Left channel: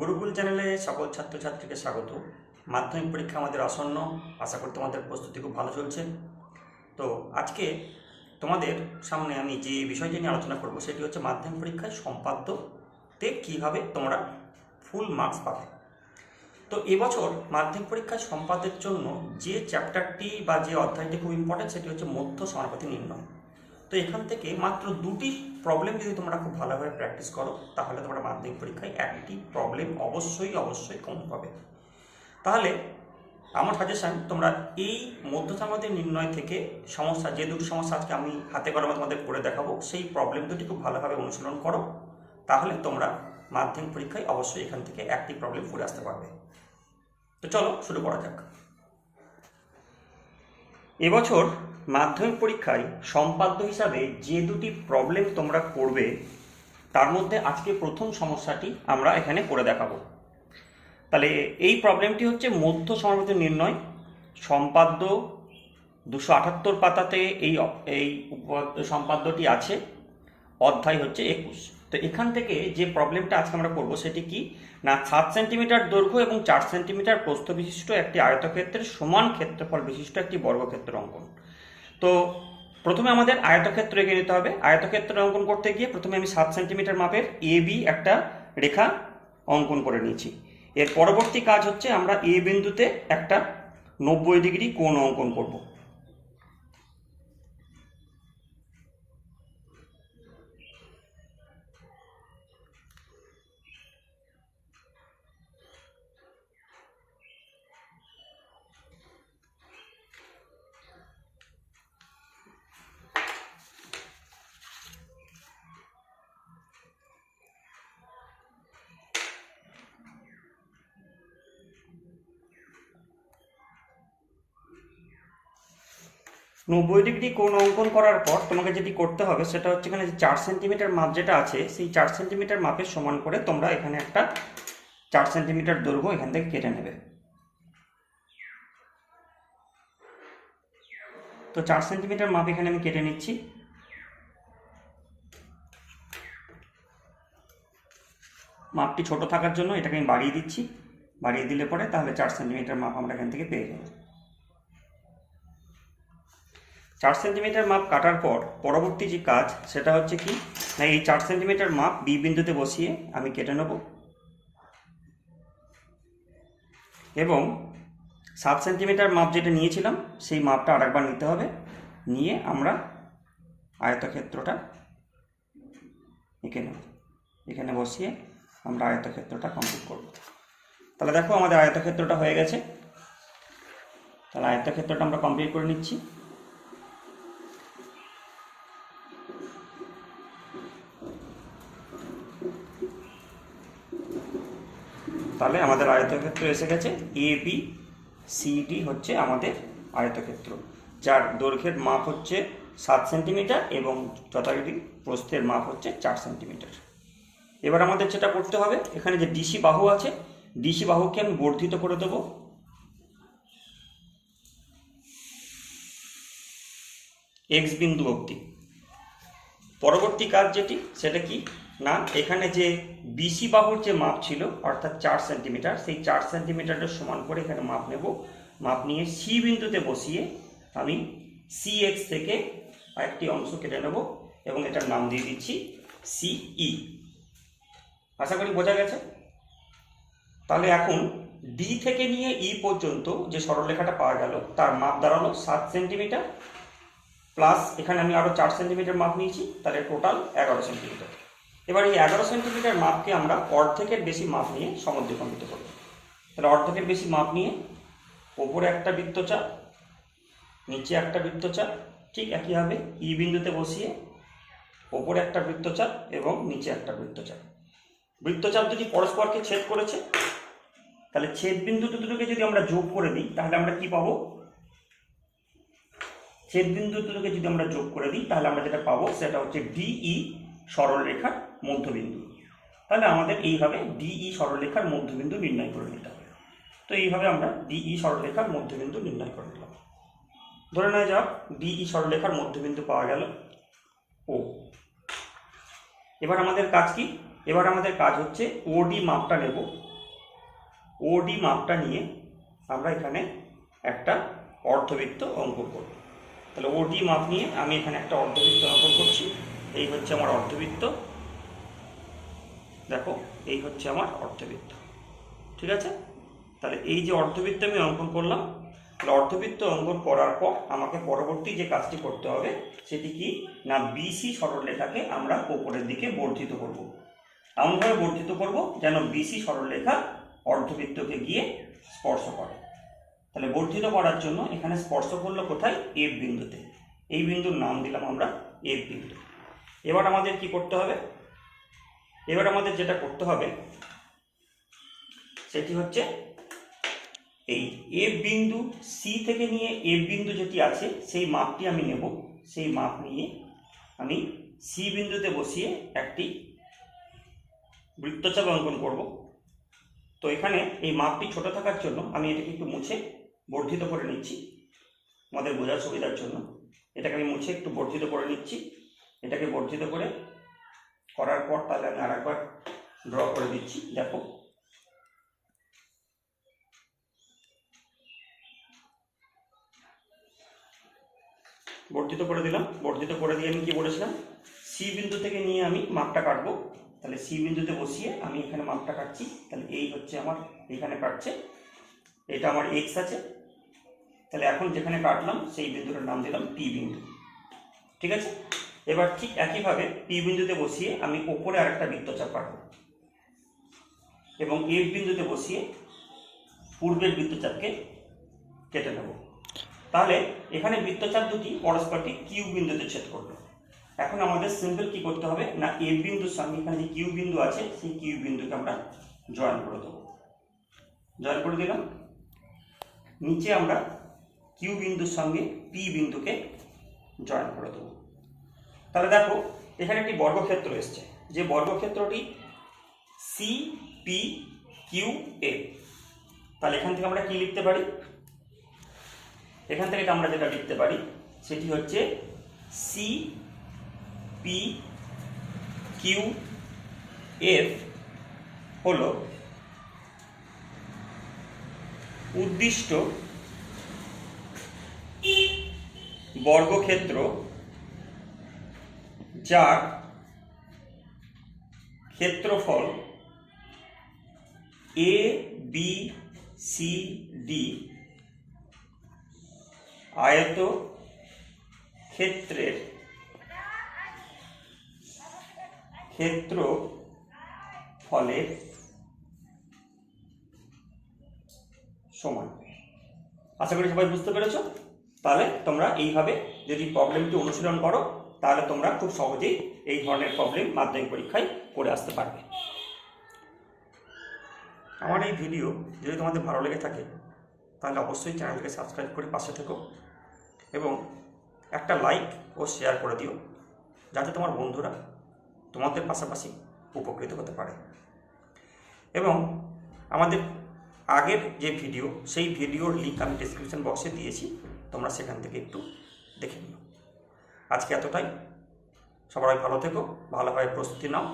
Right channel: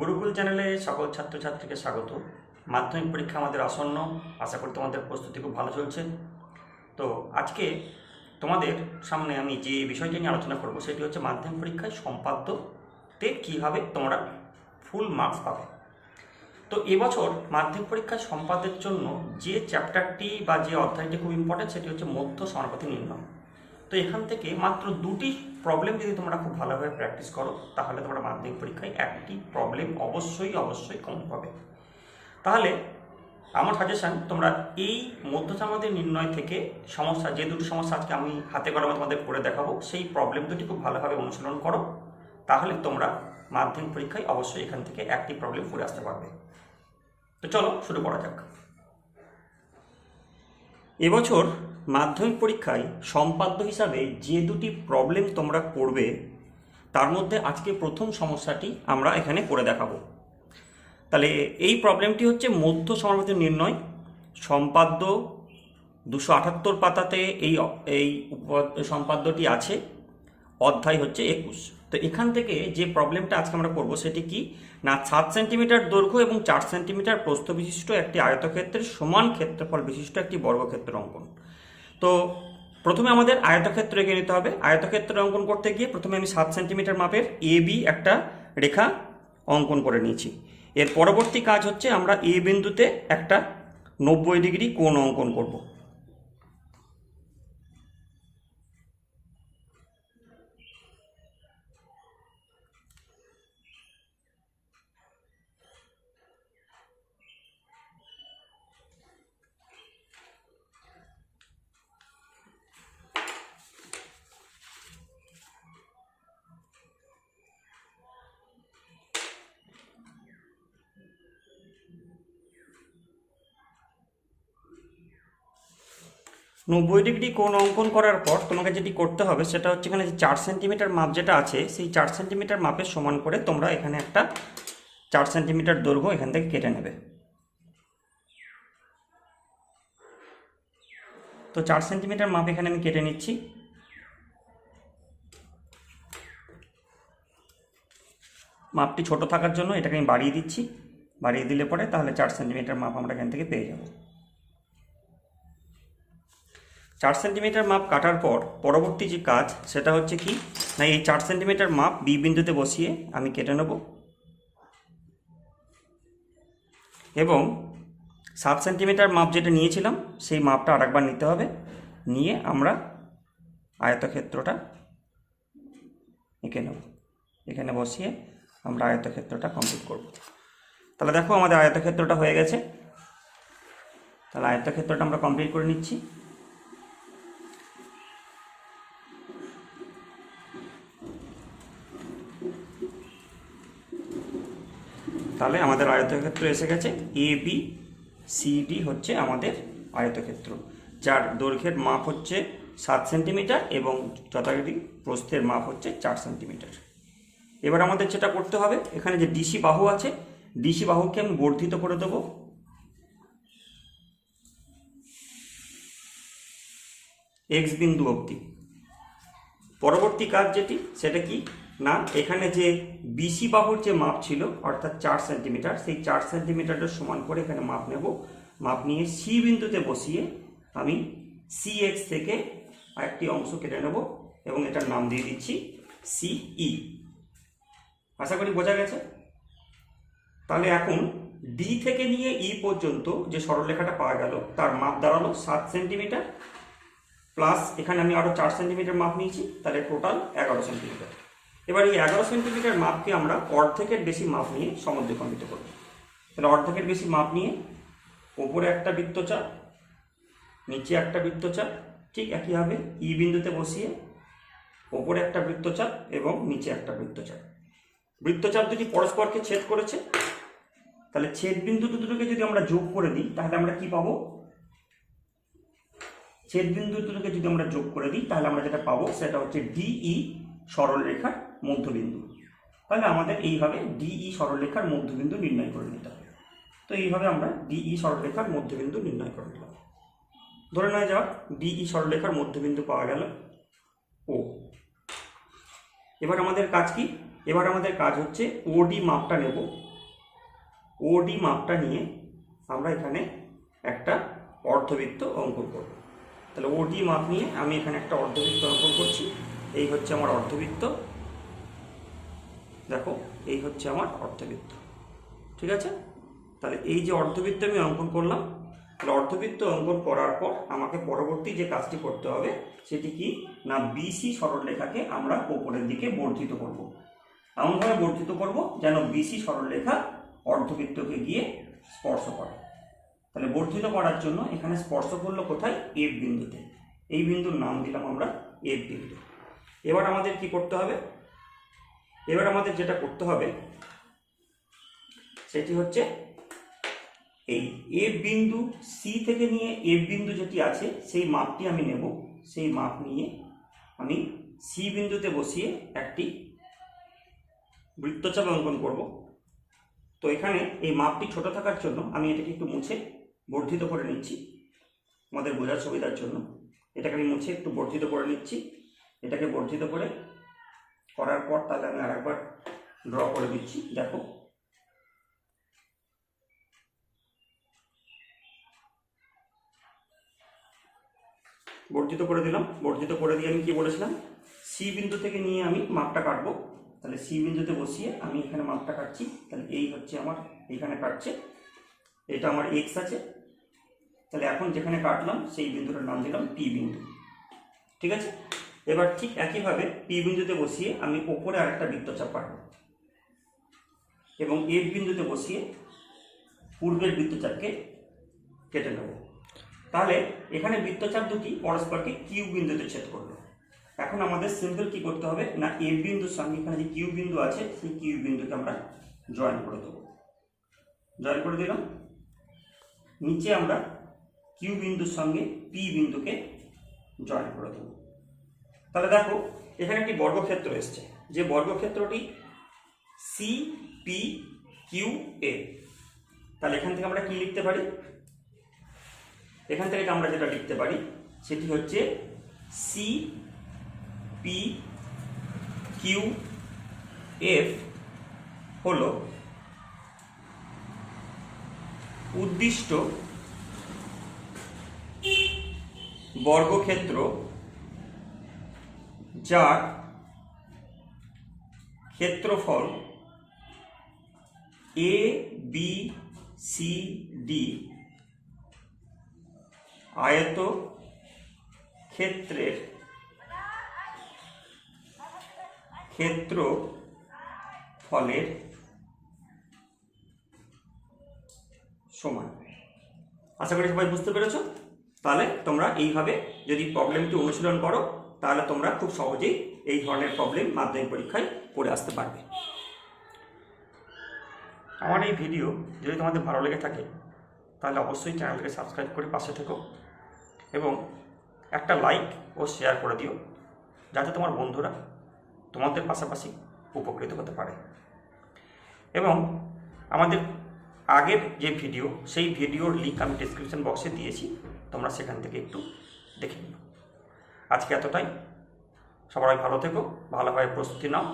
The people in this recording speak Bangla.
গুরুকুল চ্যানেলে সকল ছাত্রছাত্রীকে স্বাগত। মাধ্যমিক পরীক্ষা আমাদের আসন্ন, আশা করি তোমাদের প্রস্তুতি খুব ভালো চলছে। তো আজকে তোমাদের সামনে আমি যে বিষয়টি নিয়ে আলোচনা করব সেটি হচ্ছে মাধ্যমিক পরীক্ষায় সম্পাদ্যতে কীভাবে তোমরা ফুল মার্কস পাবে। তো এবছর মাধ্যমিক পরীক্ষায় সম্পাদ্যের জন্য যে চ্যাপ্টারটি বা যে অধ্যায়টি খুব ইম্পর্টেন্ট সেটি হচ্ছে মধ্য সমানুপাতি নির্ণয়। তো এখান থেকে মাত্র দুটি প্রবলেম যদি তোমরা খুব ভালোভাবে প্র্যাকটিস করো তাহলে তোমরা মাধ্যমিক পরীক্ষায় একটি প্রবলেম অবশ্যই কমন পাবে। তাহলে আমার সাজেশান, তোমরা এই মধ্য সমানুপাতি নির্ণয় থেকে সমস্যা, যে দুটি সমস্যা আজকে আমি হাতে কলমে তোমাদের করে দেখাবো, সেই প্রবলেম দুটি খুব ভালোভাবে অনুশীলন করো। তাহলে তোমরা মাধ্যমিক পরীক্ষায় অবশ্যই এখান থেকে একটি প্রবলেম করে আসতে পারবে। তো চলো শুরু করা যাক। এবছর মাধ্যমিক পরীক্ষায় সম্পাদ্য হিসাবে যে দুটি প্রবলেম তোমরা করবে তার মধ্যে আজকে প্রথম সমস্যাটি আমরা এখানে করে দেখাবো। তাহলে এই প্রবলেমটি হচ্ছে মধ্য সমানুপাতি নির্ণয়, সম্পাদ্য 278 পাতাতে এই সম্পাদ্যটি আছে, অধ্যায় হচ্ছে 21। তো এখান থেকে যে প্রবলেমটা আজকে আমরা করব সেটি কি না, 7 সেন্টিমিটার দৈর্ঘ্য এবং 4 সেন্টিমিটার প্রস্থ বিশিষ্ট একটি আয়তক্ষেত্রের সমান ক্ষেত্রফল বিশিষ্ট একটি বর্গক্ষেত্র অঙ্কন। তো প্রথমে আমাদের আয়তক্ষেত্র এঁকে নিতে হবে। আয়তক্ষেত্র অঙ্কন করতে গিয়ে প্রথমে আমি 7 সেন্টিমিটার মাপের এবি একটা রেখা অঙ্কন করে নিয়েছি। এর পরবর্তী কাজ হচ্ছে আমরা এ বিন্দুতে একটা 90 ডিগ্রি কোণ অঙ্কন করব। নব্বই ডিগ্রি কোণ অঙ্কন করার পর তোমাকে যেটি করতে হবে সেটা হচ্ছে এখানে যে 4 সেন্টিমিটার মাপ যেটা আছে সেই 4 সেন্টিমিটার মাপের সমান করে তোমরা এখানে একটা 4 সেন্টিমিটার দৈর্ঘ্য এখান থেকে কেটে নেবে। তো 4 সেন্টিমিটার মাপ এখানে আমি কেটে নিচ্ছি। মাপটি ছোট থাকার জন্য এটাকে আমি বাড়িয়ে দিচ্ছি। বাড়িয়ে দিলে পরে তাহলে 4 সেন্টিমিটার মাপ আমরা এখান থেকে পেয়ে যাব। 4 সেন্টিমিটার মাপ কাটার পর পরবর্তী যে কাজ সেটা হচ্ছে কি না, এই 4 সেন্টিমিটার মাপ বি বিন্দুতে বসিয়ে আমি কেটে নেব এবং 7 সেন্টিমিটার মাপ যেটা নিয়েছিলাম সেই মাপটা আরেকবার নিতে হবে। নিয়ে আমরা আয়তক্ষেত্রটা এঁকে নেব। এখানে বসিয়ে আমরা আয়তক্ষেত্রটা কমপ্লিট করব। তাহলে দেখো আমাদের আয়তক্ষেত্রটা হয়ে গেছে। তাহলে আয়তক্ষেত্রটা আমরা কমপ্লিট করে নিচ্ছি। তাহলে আমাদের আয়তক্ষেত্র এসে গেছে। এ বি সি ডি হচ্ছে আমাদের আয়তক্ষেত্র, যার দৈর্ঘ্যের মাপ হচ্ছে 7 সেন্টিমিটার এবং যথারীতি প্রস্থের মাপ হচ্ছে 4 সেন্টিমিটার। এবার আমাদের যেটা করতে হবে, এখানে যে ডিসি বাহু আছে, ডিসি বাহুকে আমি বর্ধিত করে দেবো এক্স বিন্দু অবধি। পরবর্তী কাজ যেটি সেটা কি না, এখানে যে বিসি বাহুর যে মাপ ছিল অর্থাৎ 4 সেন্টিমিটার, সেই 4 সেন্টিমিটারের সমান করে এখানে মাপ নেব। মাপ নিয়ে সি বিন্দুতে বসিয়ে আমি সি এক্স থেকে একটি অংশ কেটে নেব এবং এটার নাম দিয়ে দিচ্ছি সিই। আশা করি বোঝা গেছে। তাহলে এখন ডি থেকে নিয়ে ই পর্যন্ত যে সরলরেখাটা পাওয়া গেল তার মাপ দাঁড়ালো 7 সেন্টিমিটার প্লাস এখানে আমি আরও 4 সেন্টিমিটার মাপ নিয়েছি, তাহলে টোটাল 11 সেন্টিমিটার। এবার এই 11 সেন্টিমিটার মাপকে আমরা অর্ধেকের বেশি মাপ নিয়ে সমদ্বিখণ্ডিত করব। তাহলে অর্ধেকের বেশি মাপ নিয়ে ওপরে একটা বৃত্তচাপ, নিচে একটা বৃত্তচাপ, ঠিক একইভাবে ই বিন্দুতে বসিয়ে ওপরে একটা বৃত্তচাপ এবং নিচে একটা বৃত্তচাপ। বৃত্তচাপ যদি পরস্পরকে ছেদ করেছে তাহলে ছেদ বিন্দু দুটোকে যদি আমরা যোগ করে দিই তাহলে আমরা কি পাবো, ছেদ বিন্দু দুটোকে যদি আমরা যোগ করে দিই তাহলে আমরা যেটা পাবো সেটা হচ্ছে ডিই সরলরেখার মধ্যবিন্দু। তাহলে আমাদের এইভাবে ডিই সরলরেখার মধ্যবিন্দু নির্ণয় করে নিতে হবে। তো এইভাবে আমরা ডিই সরলরেখার মধ্যবিন্দু নির্ণয় করে নিলাম। ধরে নেওয়া যাক ডিই সরলরেখার মধ্যবিন্দু পাওয়া গেল ও। এবার আমাদের কাজ কি এবার আমাদের কাজ হচ্ছে ওডি মাপটা নেব। ওডি মাপটা নিয়ে আমরা এখানে একটা অর্ধবৃত্ত অঙ্কন করব। তাহলে ওডি মাপ নিয়ে আমি এখানে একটা অর্ধবৃত্ত অঙ্কন করছি। এই হচ্ছে আমার অর্ধবৃত্ত, দেখো এই হচ্ছে আমার অর্ধবৃত্ত, ঠিক আছে। তাহলে এই যে অর্ধবৃত্ত আমি অঙ্কন করলাম, তাহলে অর্ধবৃত্ত অঙ্কন করার পর আমাকে পরবর্তী যে কাজটি করতে হবে সেটি কি না, বিসি সরলরেখাকে আমরা উপরের দিকে বর্ধিত করব। এমনভাবে বর্ধিত করব যেন বিসি সরলরেখা অর্ধবৃত্তকে গিয়ে স্পর্শ করে। তাহলে বর্ধিত করার জন্য এখানে স্পর্শ করলো কোথায়, এফ বিন্দুতে। এই বিন্দুর নাম দিলাম আমরা এফ বিন্দু। এবার আমাদের কি করতে হবে, এবার আমাদের যেটা করতে হবে সেটি হচ্ছে এই এফ বিন্দু সি থেকে নিয়ে এফ বিন্দু যেটি আছে সেই মাপটি আমি নেব। সেই মাপ নিয়ে আমি সি বিন্দুতে বসিয়ে একটি বৃত্তচাপ অঙ্কন করব। তো এখানে এই মাপটি ছোট থাকার জন্য আমি এটাকে একটু মুছে বর্ধিত করে নিচ্ছি আমাদের বোঝার সুবিধার জন্য। এটাকে আমি মুছে একটু বর্ধিত করে নিচ্ছি। এটাকে বর্ধিত করার পর তাহলে আমি আরেকবার ড্র করে দিচ্ছি। দেখো বর্ধিত করে দিলাম। বর্ধিত করে দিয়ে আমি কি বলেছিলাম, সি বিন্দু থেকে নিয়ে আমি মাপটা কাটবো। তাহলে সি বিন্দুতে বসিয়ে আমি এখানে মাপটা কাটছি। তাহলে এই হচ্ছে আমার এখানে কাটছে, এটা আমার এক্স আছে। তাহলে এখন যেখানে কাটলাম সেই বিন্দুটার নাম দিলাম পি বিন্দু, ঠিক আছে। এবার ঠিক একইভাবে পি বিন্দুতে বসিয়ে আমি ওপরে আরেকটা বৃত্তচাপ কাটবো এবং এফ বিন্দুতে বসিয়ে পূর্বের বৃত্তচাপকে কেটে নেব। তাহলে এখানে বৃত্তচাপ দুটি পরস্পরকে কিউ বিন্দুতে ছেদ করলো। এখন আমাদের সিম্পল কি করতে হবে না, এফ বিন্দুর সঙ্গে এখানে যে কিউ বিন্দু আছে সেই কিউ বিন্দুকে আমরা জয়েন করে দেবো। জয়েন করে দিলাম। নিচে আমরা কিউ বিন্দুর সঙ্গে পি বিন্দুকে জয়েন করে দেবো। তাহলে দেখো এখানে একটি বর্গক্ষেত্র এসছে, যে বর্গক্ষেত্রটি সি পি কিউ এ। তাহলে এখান থেকে আমরা কি লিখতে পারি, এখান থেকে আমরা যেটা লিখতে পারি সেটি হচ্ছে সি পি কিউ এফ হলো উদ্দিষ্ট বর্গক্ষেত্র যার ক্ষেত্রফল এ বি সি ডি আয়ত ক্ষেত্রের ক্ষেত্রফলের সমান। আশা করি সবাই বুঝতে পেরেছো। তাহলে তোমরা এইভাবে যদি প্রবলেমটি অনুশীলন করো তাহলে তোমরা খুব সহজেই এই ধরনের প্রবলেম মাধ্যমিক পরীক্ষায় করে আসতে পারবে। আমার এই ভিডিও যদি তোমাদের ভালো লেগে থাকে তাহলে অবশ্যই চ্যানেলকে সাবস্ক্রাইব করে পাশে থেকো এবং একটা লাইক ও শেয়ার করে দিও, যাতে তোমার বন্ধুরা তোমাদের পাশাপাশি উপকৃত হতে পারে। এবং আমাদের আগের যে ভিডিও সেই ভিডিওর লিঙ্ক আমি ডেসক্রিপশন বক্সে দিয়েছি, তোমরা সেখান থেকে একটু দেখে নিও। আজকে এতটাই। সবাই ভালো থেকো, ভালোভাবে প্রস্তুতি নাও।